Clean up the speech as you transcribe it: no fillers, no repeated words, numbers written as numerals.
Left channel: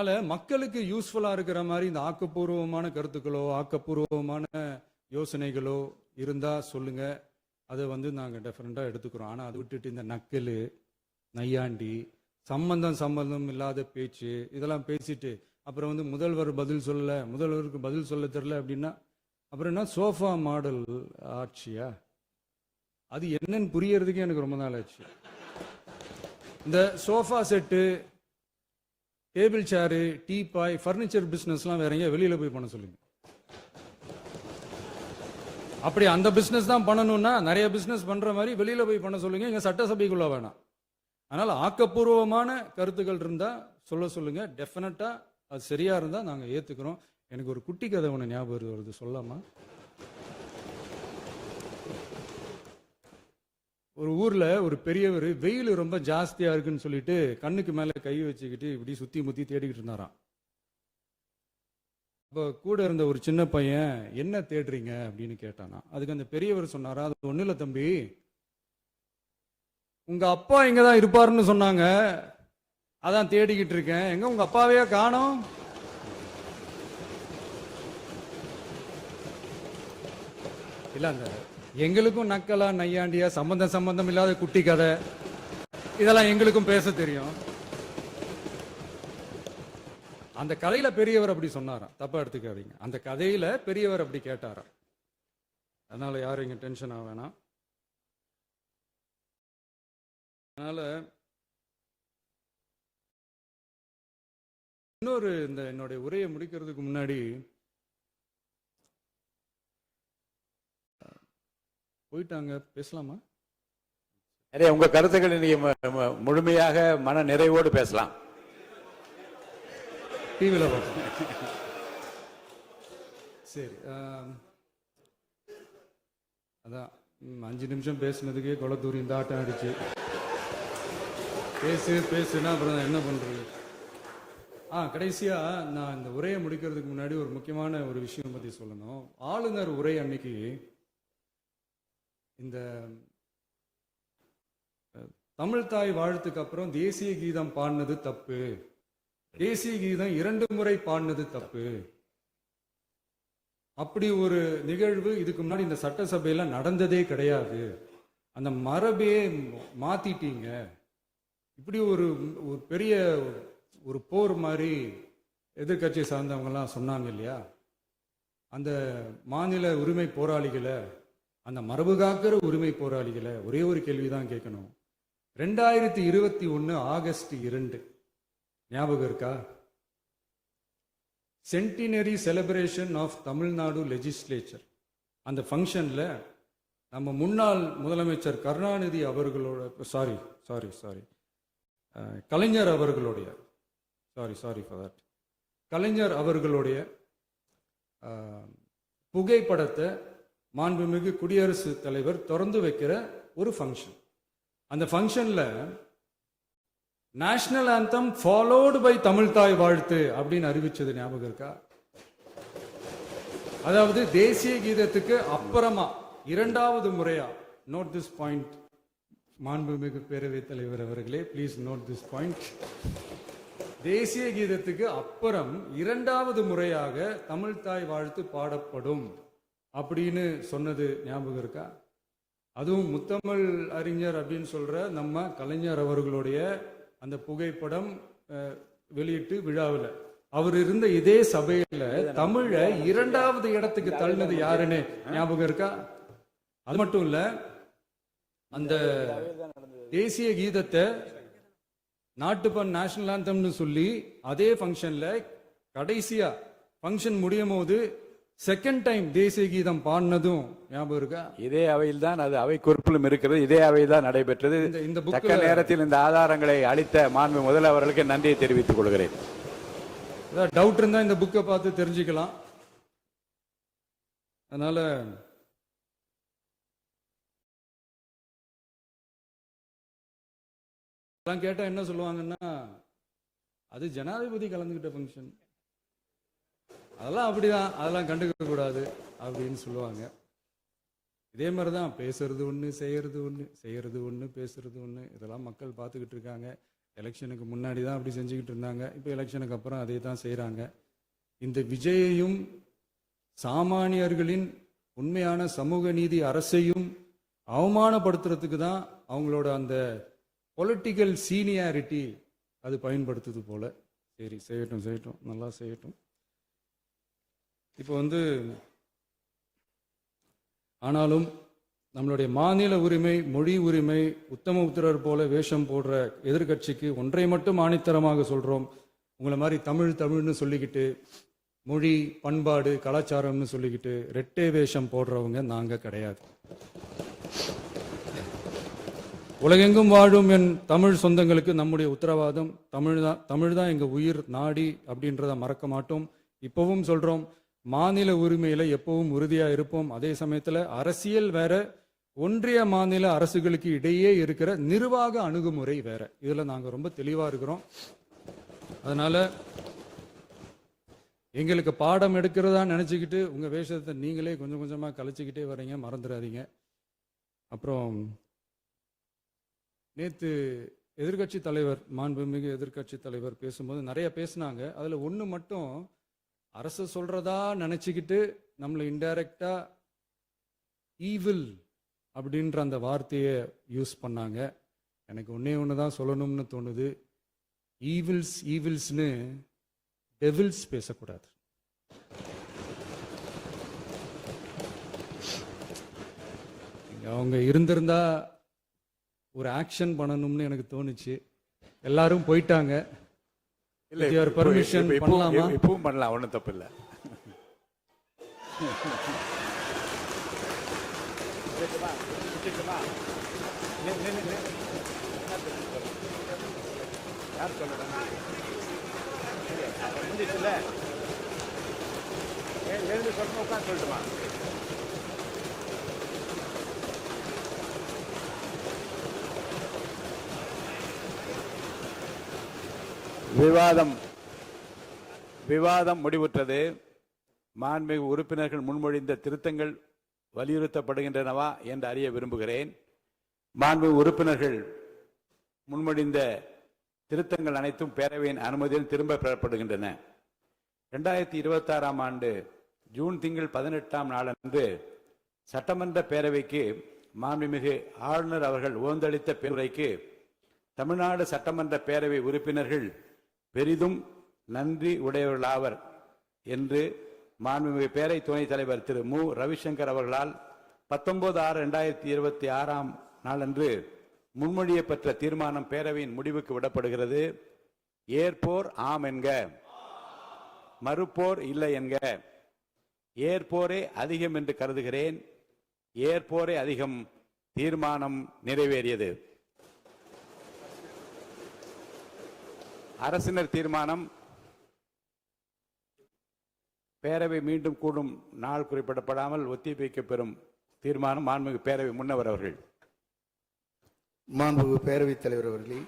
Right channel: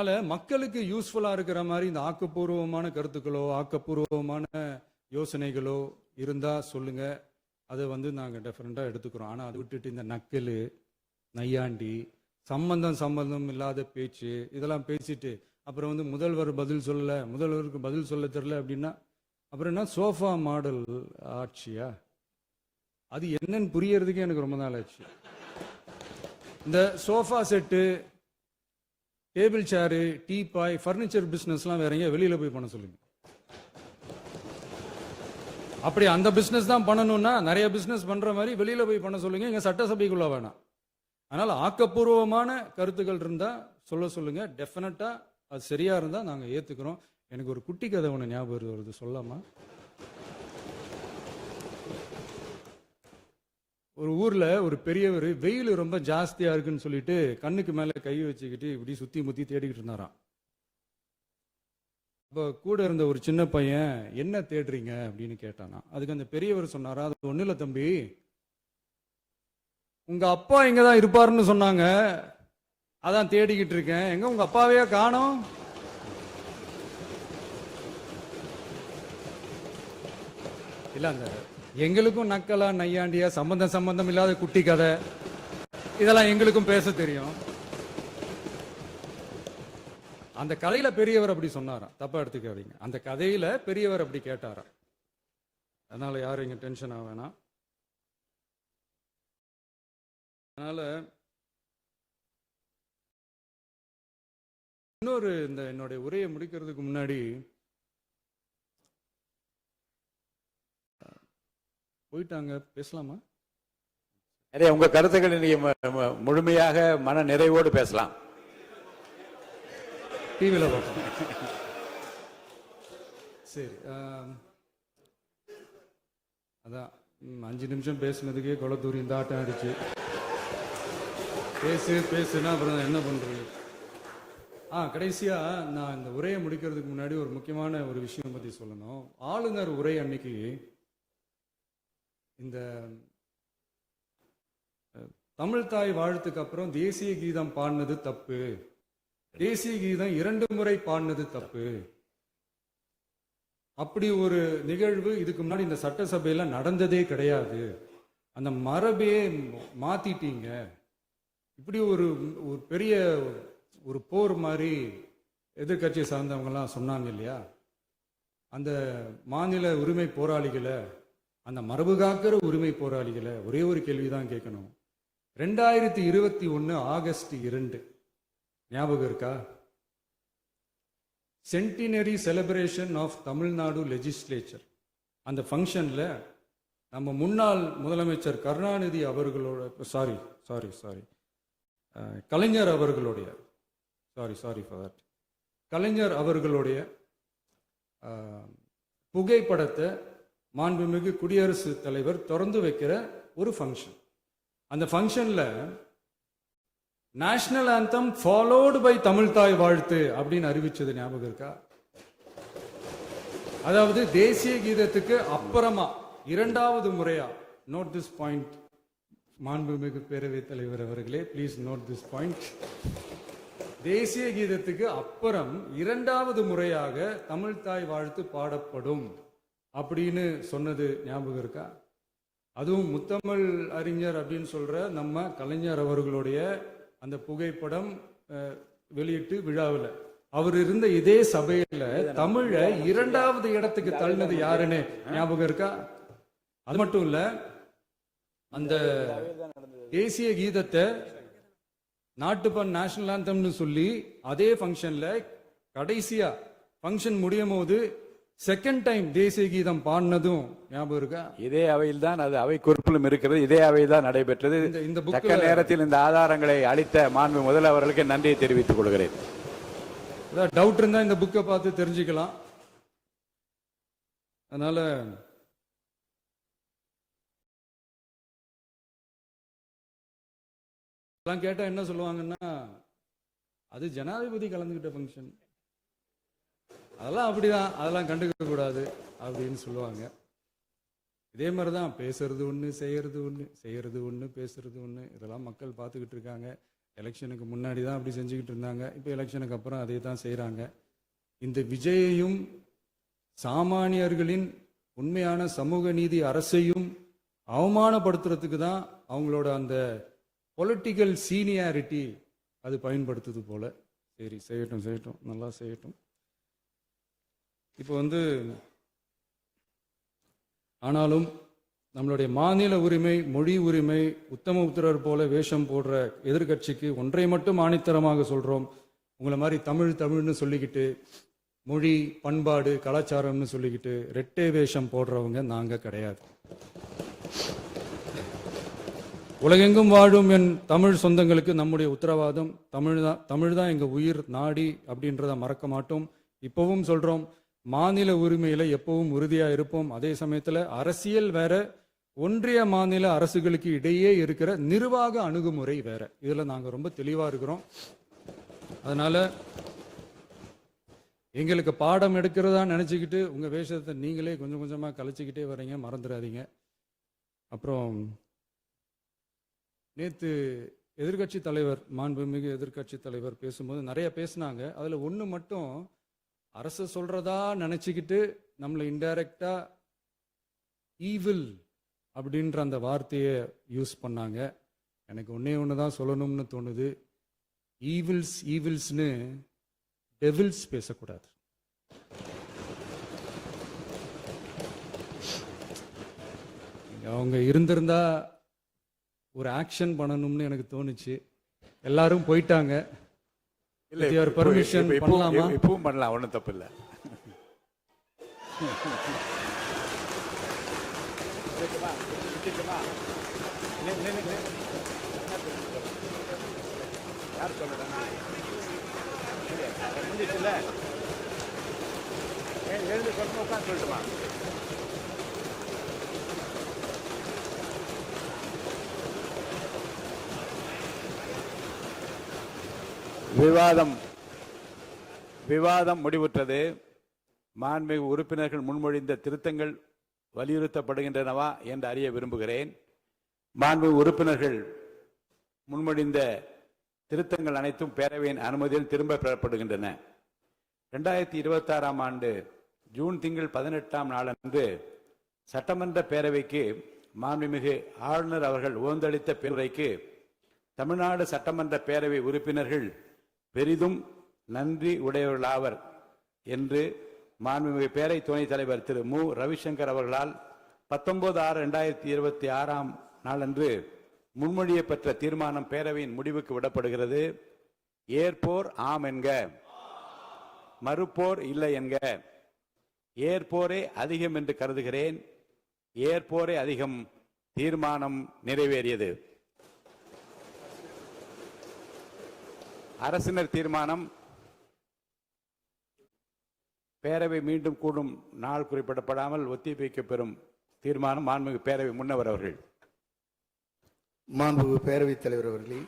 அதனால மக்களுக்கு யூஸ்ஃபுல்லா இருக்கிற மாதிரி இந்த ஆக்கப்பூர்வமான கருத்துக்களோ ஆக்கப்பூர்வமான யோசனைகளோ இருந்தா சொல்லுங்க. அதை நாங்கள் டெஃபரெண்டா எடுத்துக்கிறோம். ஆனால் அதை விட்டுட்டு இந்த நக்கல் நையாண்டி சம்பந்தம் இல்லாத பேச்சு இதெல்லாம் பேசிட்டு அப்புறம் முதல்வர் பதில் சொல்லல, முதல்வருக்கு பதில் சொல்ல தெரியல அப்படின்னா அப்புறம் என்ன சோஃபா மாடல் ஆட்சியா? அது என்னன்னு புரியறதுக்கே எனக்கு ரொம்ப நாள் ஆச்சு. இந்த sofa set, table chair, teapoy, furniture பிசினஸ்லாம் வேற எங்கேயா வெளியில போய் பண்ண சொல்லுங்க. அப்படி அந்த பிசினஸ் தான் பண்ணணும்னா நிறைய பிசினஸ் பண்ற மாதிரி வெளியில போய் பண்ண சொல்லுங்க. இங்க சட்டசபைக்குள்ள வேணாம். அதனால ஆக்கப்பூர்வமான கருத்துக்கள் இருந்தா சொல்லுங்க. டெஃபினட்டா அது சரியா இருந்தா நாங்க ஏத்துக்கிறோம். எனக்கு ஒரு குட்டி கதை ஒன்று ஞாபகம் வருது, சொல்லாமா? ஒரு ஊர்ல ஒரு பெரியவர் வெயில் ரொம்ப ஜாஸ்தியா இருக்குன்னு சொல்லிட்டு கண்ணுக்கு மேல கை வச்சுக்கிட்டு இப்படி சுத்தி முத்தி தேடிக்கிட்டு இருந்தாராம். அப்ப கூட இருந்த ஒரு சின்ன பையன் என்ன தேடுறீங்க அப்படின்னு கேட்டானா. அதுக்கு அந்த பெரியவர் சொன்னாரா, அது ஒண்ணு இல்ல தம்பி, உங்க அப்பா இங்கதான் இருப்பாருன்னு சொன்னாங்க, அதான் தேடிக்கிட்டு இருக்கேன். எங்க உங்க அப்பாவையா காணோம்? இல்ல எங்களுக்கும் நக்கலா நையாண்டியா சம்பந்தம் இல்லாத குட்டி கதை இதெல்லாம் எங்களுக்கும் பேச தெரியும். அந்த கதையில பெரியவர் அப்படி சொன்னாராம், தப்பா எடுத்துக்காதீங்க. அந்த கதையில பெரியவர் அப்படி கேட்டாராம். அதனால யாரும் இங்க டென்ஷன் ஆக வேணாம். அதனால இன்னொரு இந்த என்னுடைய உரையை முடிக்கிறதுக்கு முன்னாடி போயிட்டாங்க, பேசலாமா? உங்க கருத்துக்களை நீங்க முழுமையாக மன நிறைவோடு பேசலாம். டிவில சரி. அதான் 5 நிமிஷம் பேசுனதுக்கே கொளத்தூரி இந்த ஆட்டம் ஆயிடுச்சு. பேசுனா அப்புறம் என்ன பண்றது? கடைசியா நான் இந்த உரையை முடிக்கிறதுக்கு முன்னாடி ஒரு முக்கியமான ஒரு விஷயம் பத்தி சொல்லணும். ஆளுநர் உரை அன்னைக்கு இந்த தமிழ் தாய் வாழ்த்துக்கு அப்புறம் தேசிய கீதம் பாடினது தப்பு, தேசிய கீதம் 2 முறை பாடினது தப்பு, அப்படி ஒரு நிகழ்வு இதுக்கு முன்னாடி இந்த சட்டசபையில நடந்ததே கிடையாது, அந்த மரபே மாத்திட்டீங்க, இப்படி ஒரு பெரிய ஒரு போர் மாதிரி எதிர்கட்சியை சார்ந்தவங்க எல்லாம் சொன்னாங்க இல்லையா? அந்த மாநில உரிமை போராளிகளை, அந்த மரபு காக்கிற உரிமை போராளிகளை ஒரே ஒரு கேள்விதான் கேட்கணும். 2021 ஆகஸ்ட் 2 ஞாபகம் இருக்கா? Centenary celebration of Tamil Nadu legislature. அந்த ஃபங்க்ஷன்ல நம்ம முன்னாள் முதலமைச்சர் கருணாநிதி அவர்களோட கலைஞர் அவர்களுடைய கலைஞர் அவர்களுடைய புகைப்படத்தை மாண்புமிகு குடியரசுத் தலைவர் திறந்து வைக்கிற ஒரு ஃபங்க்ஷன். அந்த ஃபங்க்ஷன்ல national anthem followed by Tamil Thai Vazhthu அப்படின்னு அறிவிச்சது ஞாபகம் இருக்கா? அதாவது தேசிய கீதத்துக்கு அப்புறமா 2வது முறையா, நோட் திஸ் பாயிண்ட் மாண்புமிகு பேரவைத் தலைவர் அவர்களே, பிளீஸ் நோட் திஸ் பாயிண்ட். தேசிய கீதத்துக்கு அப்புறம் 2வது முறையாக தமிழ் தாய் வாழ்த்து பாடப்படும் அப்படின்னு சொன்னது ஞாபகம் இருக்கா? அதுவும் முத்தமிழ் அறிஞர் அப்படின்னு சொல்ற நம்ம கலைஞர் அவர்களுடைய அந்த புகைப்படம் வெளியிட்டு விழாவில் அவர் இருந்த இதே சபையில தமிழ 2வது இடத்துக்கு தள்ளினது யாருன்னு ஞாபகம் இருக்கா? அது மட்டும் இல்ல, அந்த தேசிய கீதத்தை நாட்டுப்பண் நேஷனல் ஆந்தம்னு சொல்லி அதே ஃபங்க்ஷன்ல கடைசியா ஃபங்க்ஷன் முடியும் போது செகண்ட் டைம் தேசிய கீதம் பாடினதும் ஞாபகம் இருக்கா? இதே அவையில் தான், அது அவை குறிப்பிலும் இருக்கிறது, இதே அவையில் தான் நடைபெற்றது. இந்த தக்க நேரத்தில் இந்த ஆதாரங்களை அளித்த மாண்பு முதல்வர்களுக்கு நன்றியை தெரிவித்துக் கொள்கிறேன். டவுட் இருந்தா இந்த புக்கை பார்த்து தெரிஞ்சுக்கலாம். அதனால கேட்டா என்ன சொல்லுவாங்கன்னா, அது ஜனாதிபதி கலந்துகிட்ட ஃபங்க்ஷன், அதெல்லாம் அப்படிதான், அதெல்லாம் கண்டுக்க கூடாது அப்படின்னு சொல்லுவாங்க. இதே மாதிரிதான் பேசுறது ஒண்ணு, செய்யறது ஒண்ணு, பேசுறது ஒண்ணு, இதெல்லாம் மக்கள் பார்த்துக்கிட்டு இருக்காங்க. எலெக்ஷனுக்கு முன்னாடி தான் அப்படி செஞ்சுக்கிட்டு இருந்தாங்க. இப்போ எலெக்ஷனுக்கு அப்புறம் அதே தான் செய்கிறாங்க. இந்த விஜயையும் சாமானியர்களின் உண்மையான சமூக நீதி அரசையும் அவமானப்படுத்துறதுக்கு தான் அவங்களோட அந்த பொலிட்டிக்கல் சீனியாரிட்டி அது பயன்படுத்துது போல. சரி, செய்யட்டும் செய்யட்டும், நல்லா செய்யட்டும். இப்போ ஆனாலும் நம்மளுடைய மாநில உரிமை, மொழி உரிமை, உத்தமபுத்திரர் போல வேஷம் போடுற எதிர்கட்சிக்கு ஒன்றை மட்டும் ஆணித்தரமாக சொல்றோம். உங்களை மாதிரி தமிழ்னு சொல்லிக்கிட்டு, மொழி, பண்பாடு, கலாச்சாரம்னு சொல்லிக்கிட்டு ரெட்டை வேஷம் போடுறவங்க நாங்க கிடையாது. உலகெங்கும் வாழும் என் தமிழ் சொந்தங்களுக்கு நம்முடைய உத்தரவாதம் தமிழ் தான் எங்க உயிர் நாடி அப்படின்றத மறக்க மாட்டோம். இப்பவும் சொல்றோம், மாநில உரிமையில எப்பவும் உறுதியா இருப்போம். அதே சமயத்துல அரசியல் வேற, ஒன்றிய மாநில அரசுகளுக்கு இடையே இருக்கிற நிர்வாக அணுகுமுறை வேற. இதுல நாங்க ரொம்ப தெளிவா இருக்கிறோம். அதனால எங்களுக்கு பாடம் எடுக்கிறதா நினைச்சுக்கிட்டு உங்க வேஷத்தை நீங்களே கொஞ்சம் கொஞ்சமா கலைச்சிக்கிட்டே வர்றீங்க, மறந்துடாதீங்க. அப்புறம் நேத்து எதிர்கட்சி தலைவர், மாண்புமிகு எதிர்கட்சி தலைவர் பேசும்போது நிறைய பேசினாங்க. அதுல ஒண்ணு மட்டும் அரசு சொல்றதா நினைச்சுக்கிட்டு நம்மளை இன்டைரக்டா ஈவில் அப்படின்ற அந்த வார்த்தையை யூஸ் பண்ணாங்க. எனக்கு ஒண்ணுதான் சொல்லணும்னு தோணுது. ஈவில்ஸ்னு டெவில்ஸ் பேசக்கூடாது. அவங்க இருந்திருந்தா ஒரு ஆக்ஷன் பண்ணணும்னு எனக்கு தோணுச்சு. எல்லாரும் போயிட்டாங்க. பர்மிஷன் பண்ணலாமா? இப்பவும் பண்ணலாம், ஒன்றும் தப்பு இல்லை. சொல்லட்டுமா? விவாதம் முடிவுற்றது. மாண்புமிகு உறுப்பினர்கள் முன்மொழிந்த திருத்தங்கள் வலியுறுத்தப்படுகின்றனவா என்று அறிய விரும்புகிறேன். மாண்புமிகு உறுப்பினர்கள் முன்மொழிந்த திருத்தங்கள் அனைத்தும் பேரவையின் அனுமதியில் திரும்ப பெறப்படுகின்றன. 2026 ஆண்டு ஜூன் திங்கள் 18ஆம் நாளன்று சட்டமன்ற பேரவைக்கு மாண்புமிகு ஆளுநர் அவர்கள் ஓந்தளித்த பெருரைக்கு தமிழ்நாடு சட்டமன்ற பேரவை உறுப்பினர்கள் பெரிதும் நன்றி உடையவர்களாவர் என்று மாண்புமிகு பேரவை துணைத் தலைவர் திரு மு ரவிசங்கர் அவர்களால் 19/6/2026 நாளன்று முன்மொழியப்பட்ட தீர்மானம் பேரவையின் முடிவுக்கு விடப்படுகிறது. ஏற்போர் ஆம் என்க, மறுப்போர் இல்லை என்க. ஏற்போரே அதிகம் என்று கருதுகிறேன். ஏற்போரே அதிகம். தீர்மானம் நிறைவேறியது. அரசினர் தீர்மானம். பேரவை மீண்டும் கூடும் நாள் குறிப்பிடப்படாமல் ஒத்திவைக்கப்பெறும் தீர்மானம். மாண்புமிகு பேரவை முன்னவர் அவர்கள். மாண்புமிகு பேரவைத் தலைவர் அவர்களே,